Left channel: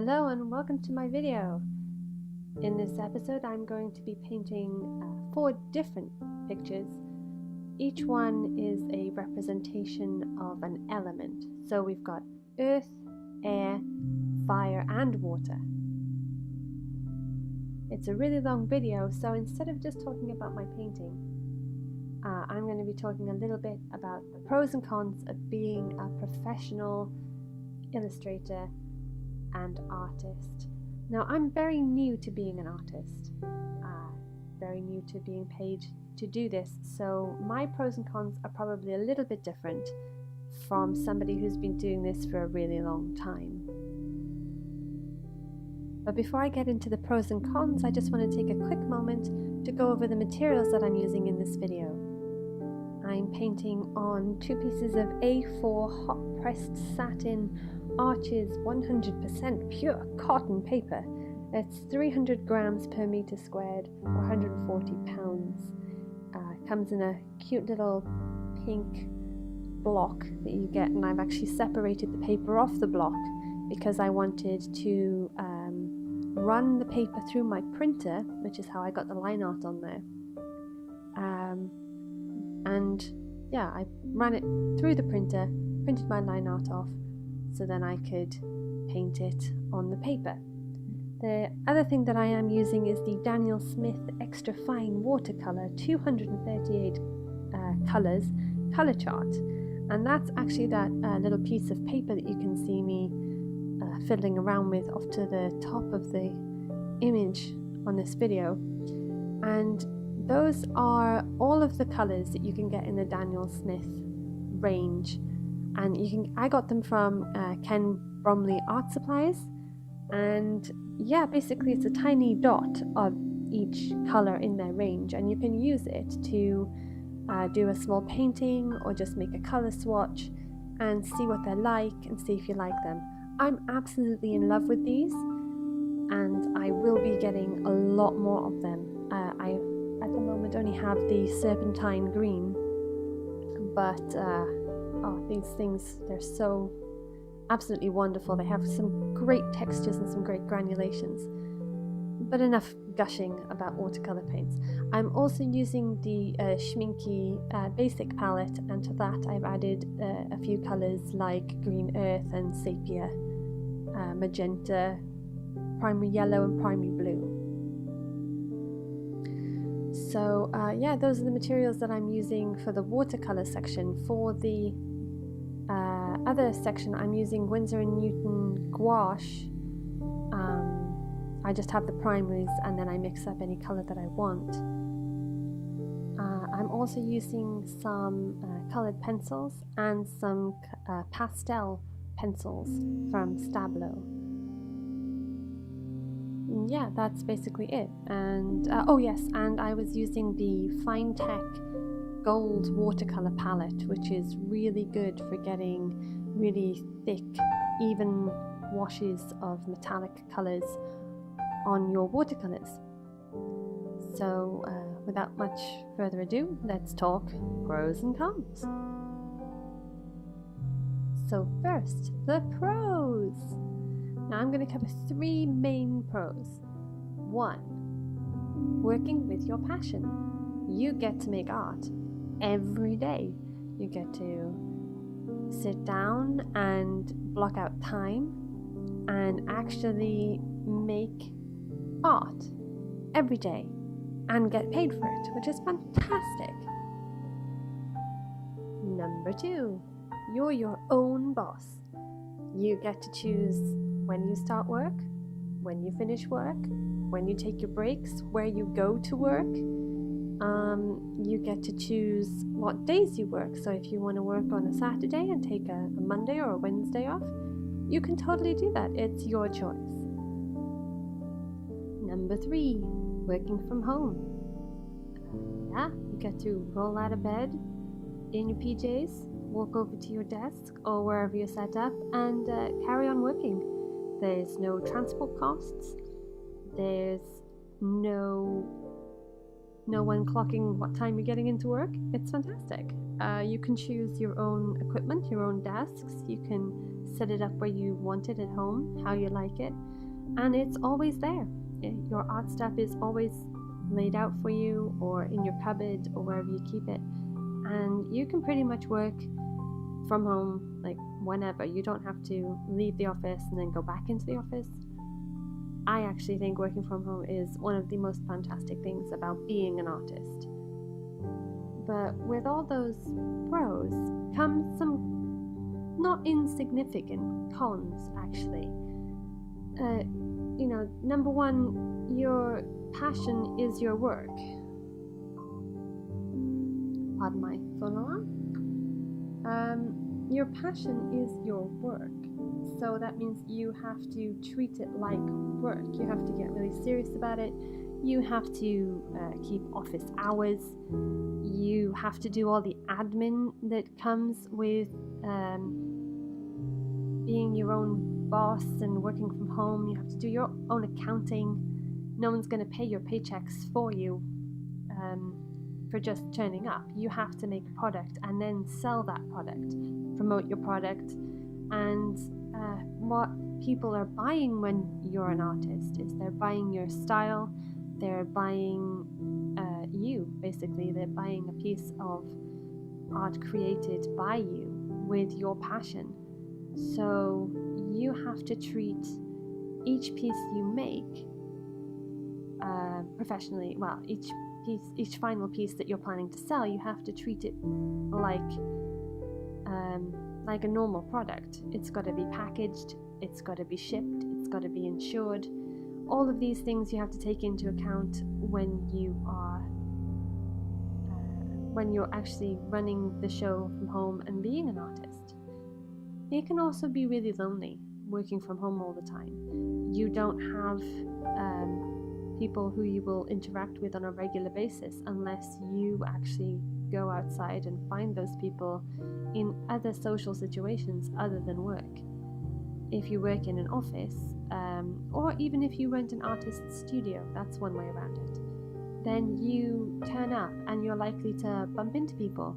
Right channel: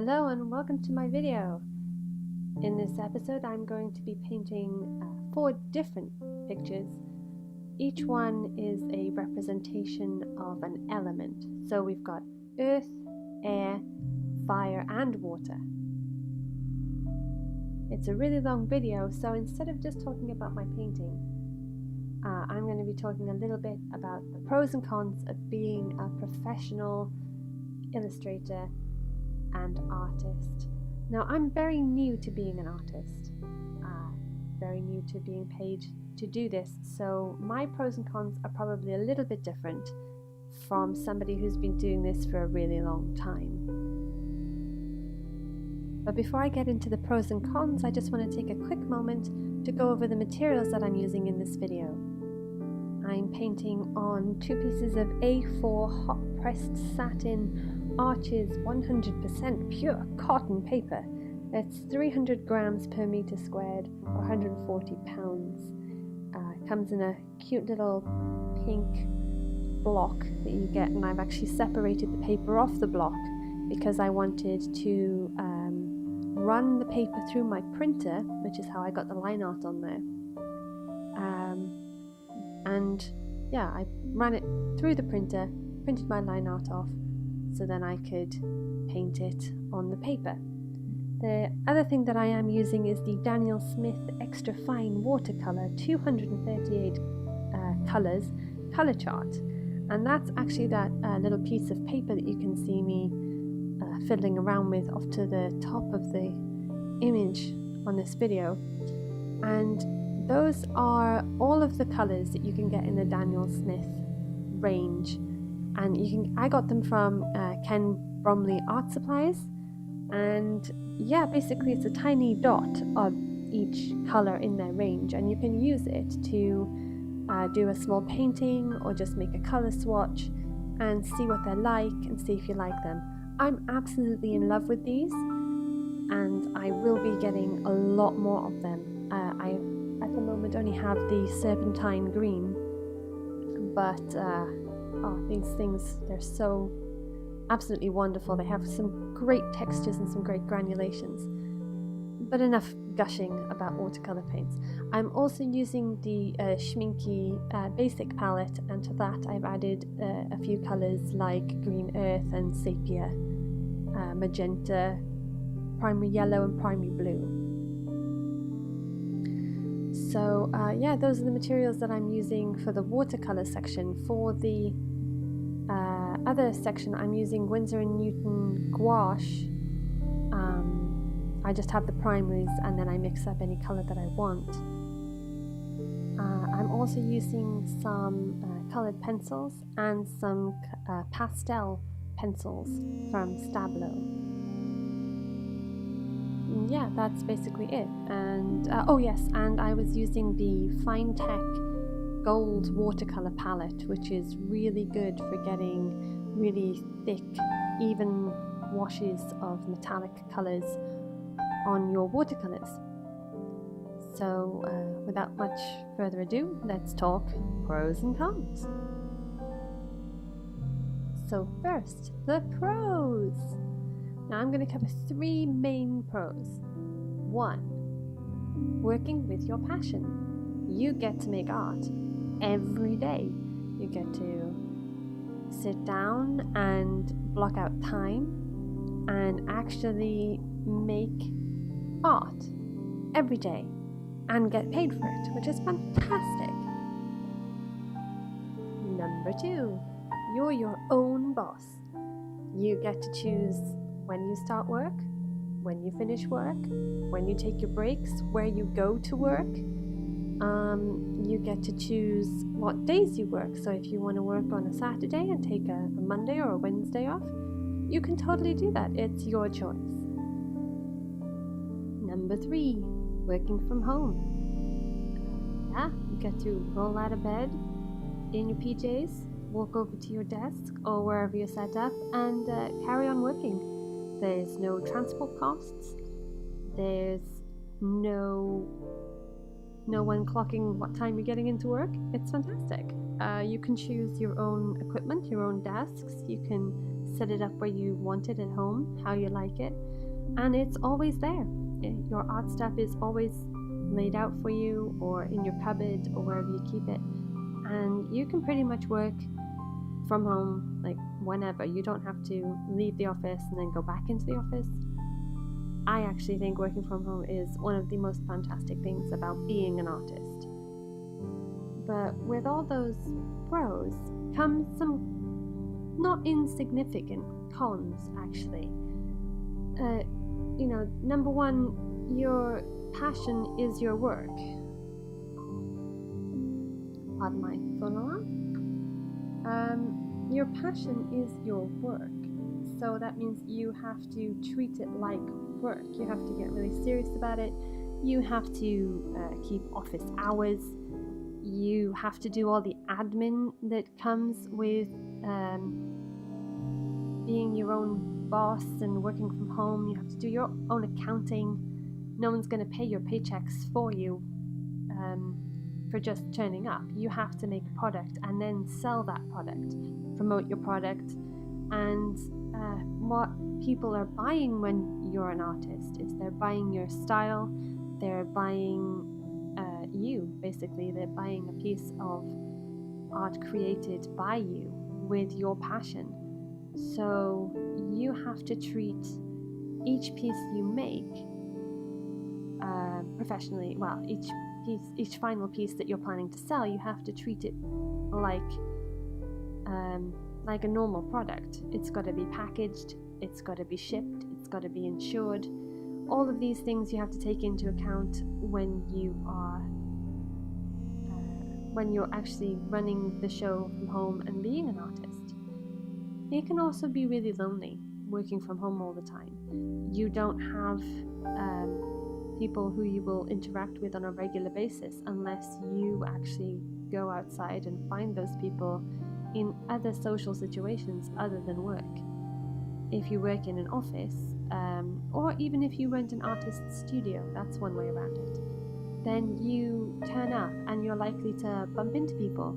Hello and welcome to my video. In this episode I'm going to be painting 4 different pictures. Each one is a representation of an element. So we've got earth, air, fire and water. It's a really long video, so instead of just talking about my painting, I'm going to be talking a little bit about the pros and cons of being a professional illustrator and artist. Now, I'm very new to being an artist, very new to being paid to do this, so my pros and cons are probably a little bit different from somebody who's been doing this for a really long time. But before I get into the pros and cons, I just want to take a quick moment to go over the materials that I'm using in this video. I'm painting on 2 pieces of A4 hot pressed satin Arches 100% pure cotton paper. That's 300 grams per meter squared, or 140 pounds. Comes in a cute little pink block that you get, and I've actually separated the paper off the block because I wanted to run the paper through my printer, which is how I got the line art on there. And yeah, I ran it through the printer, printed my line art off, so then I could paint it on the paper. The other thing that I am using is the Daniel Smith Extra Fine Watercolour 238 colours colour chart, and that's actually that little piece of paper that you can see me fiddling around with off to the top of the image on this video. And those are all of the colours that you can get in the Daniel Smith range. And I got them from Ken Bromley Art Supplies, and yeah, basically it's a tiny dot of each colour in their range, and you can use it to do a small painting or just make a colour swatch and see what they're like and see if you like them. I'm absolutely in love with these, and I will be getting a lot more of them. I at the moment only have the serpentine green, but these things, they're so absolutely wonderful. They have some great textures and some great granulations. But enough gushing about watercolor paints. I'm also using the Schminke basic palette, and to that I've added a few colors like green earth and sepia, magenta, primary yellow and primary blue. So yeah, those are the materials that I'm using for the watercolor section. For the other section, I'm using Winsor & Newton gouache. I just have the primaries and then I mix up any color that I want. I'm also using some colored pencils and some pastel pencils from Stablo. Yeah, that's basically it. And oh yes, and I was using the Fine Tech Gold watercolor palette, which is really good for getting really thick, even washes of metallic colors on your watercolors. So without much further ado, let's talk pros and cons. So first, the pros. Now I'm going to cover 3 main pros. 1, working with your passion. You get to make art every day. You get to sit down and block out time and actually make art every day and get paid for it, which is fantastic. Number 2, you're your own boss. You get to choose when you start work, when you finish work, when you take your breaks, where you go to work. You get to choose what days you work. So if you want to work on a Saturday and take a Monday or a Wednesday off, you can totally do that. It's your choice. Number 3, working from home. Yeah, you get to roll out of bed in your PJs, walk over to your desk or wherever you're set up and carry on working. There's no transport costs. There's no one clocking what time you're getting into work. It's fantastic. You can choose your own equipment, your own desks. You can set it up where you want it at home, how you like it, and it's always there. Your art stuff is always laid out for you, or in your cupboard, or wherever you keep it, and you can pretty much work from home like whenever. You don't have to leave the office and then go back into the office. I actually think working from home is one of the most fantastic things about being an artist. But with all those pros comes some not insignificant cons, actually. Number one, your passion is your work. Pardon my phone alarm. Your passion is your work. So that means you have to treat it like work. You have to get really serious about it. You have to keep office hours. You have to do all the admin that comes with being your own boss and working from home. You have to do your own accounting. No one's going to pay your paychecks for you for just turning up. You have to make a product and then sell that product, promote your product, and what people are buying when you're an artist is they're buying your style, they're buying you, basically. They're buying a piece of art created by you with your passion. So you have to treat each piece you make professionally. Well, each final piece that you're planning to sell, you have to treat it like a normal product. It's got to be packaged, it's got to be shipped, it's got to be insured. All of these things you have to take into account when you're actually running the show from home and being an artist. It can also be really lonely working from home all the time. You don't have people who you will interact with on a regular basis unless you actually go outside and find those people in other social situations other than work. If you work in an office, or even if you rent an artist's studio, that's one way around it, then you turn up and you're likely to bump into people,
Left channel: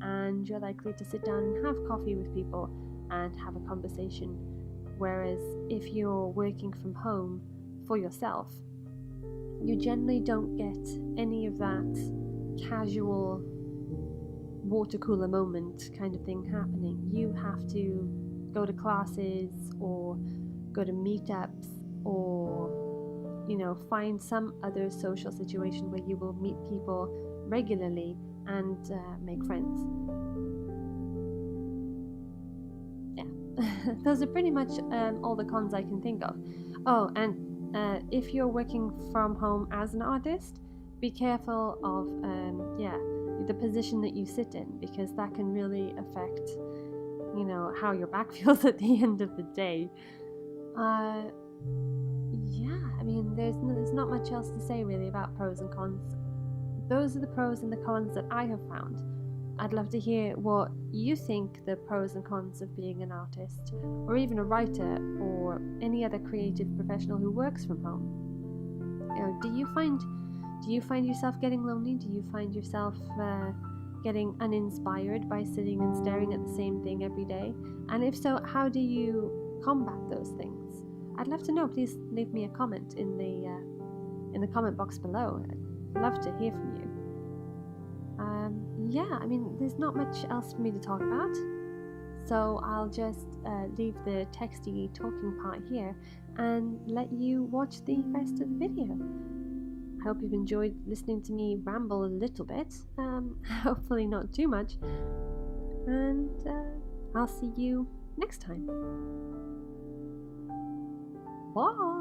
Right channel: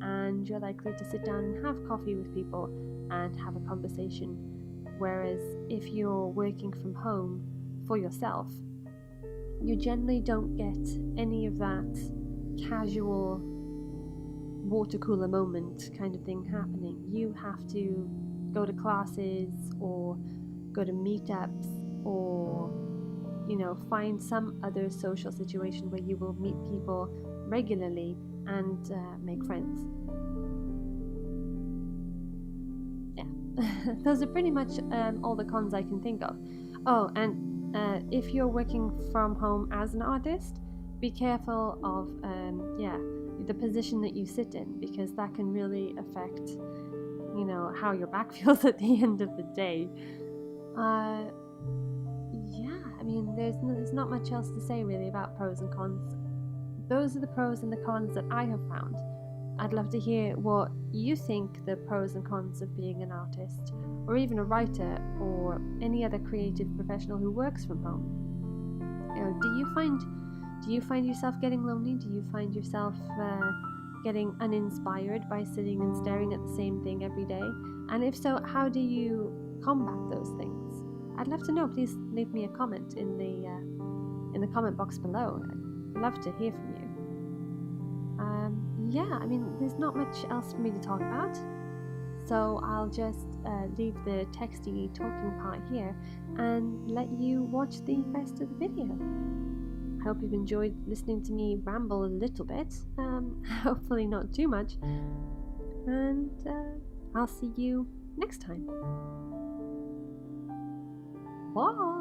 and you're likely to sit down and have coffee with people and have a conversation. Whereas if you're working from home for yourself, you generally don't get any of that casual water cooler moment kind of thing happening. You have to go to classes or go to meetups, or find some other social situation where you will meet people regularly and make friends. Yeah. Those are pretty much all the cons I can think of. Oh, and if you're working from home as an artist, be careful of the position that you sit in, because that can really affect how your back feels at the end of the day. There's not much else to say really about pros and cons. Those are the pros and the cons that I have found. I'd love to hear what you think the pros and cons of being an artist, or even a writer, or any other creative professional who works from home. Do you find yourself getting lonely? Do you find yourself getting uninspired by sitting and staring at the same thing every day? And if so, how do you combat those things? I'd love to know. Please leave me a comment in the comment box below. I'd love to hear from you. There's not much else for me to talk about, so I'll just leave the texty talking part here and let you watch the rest of the video. I hope you've enjoyed listening to me ramble a little bit, hopefully not too much, and I'll see you next time. Bye!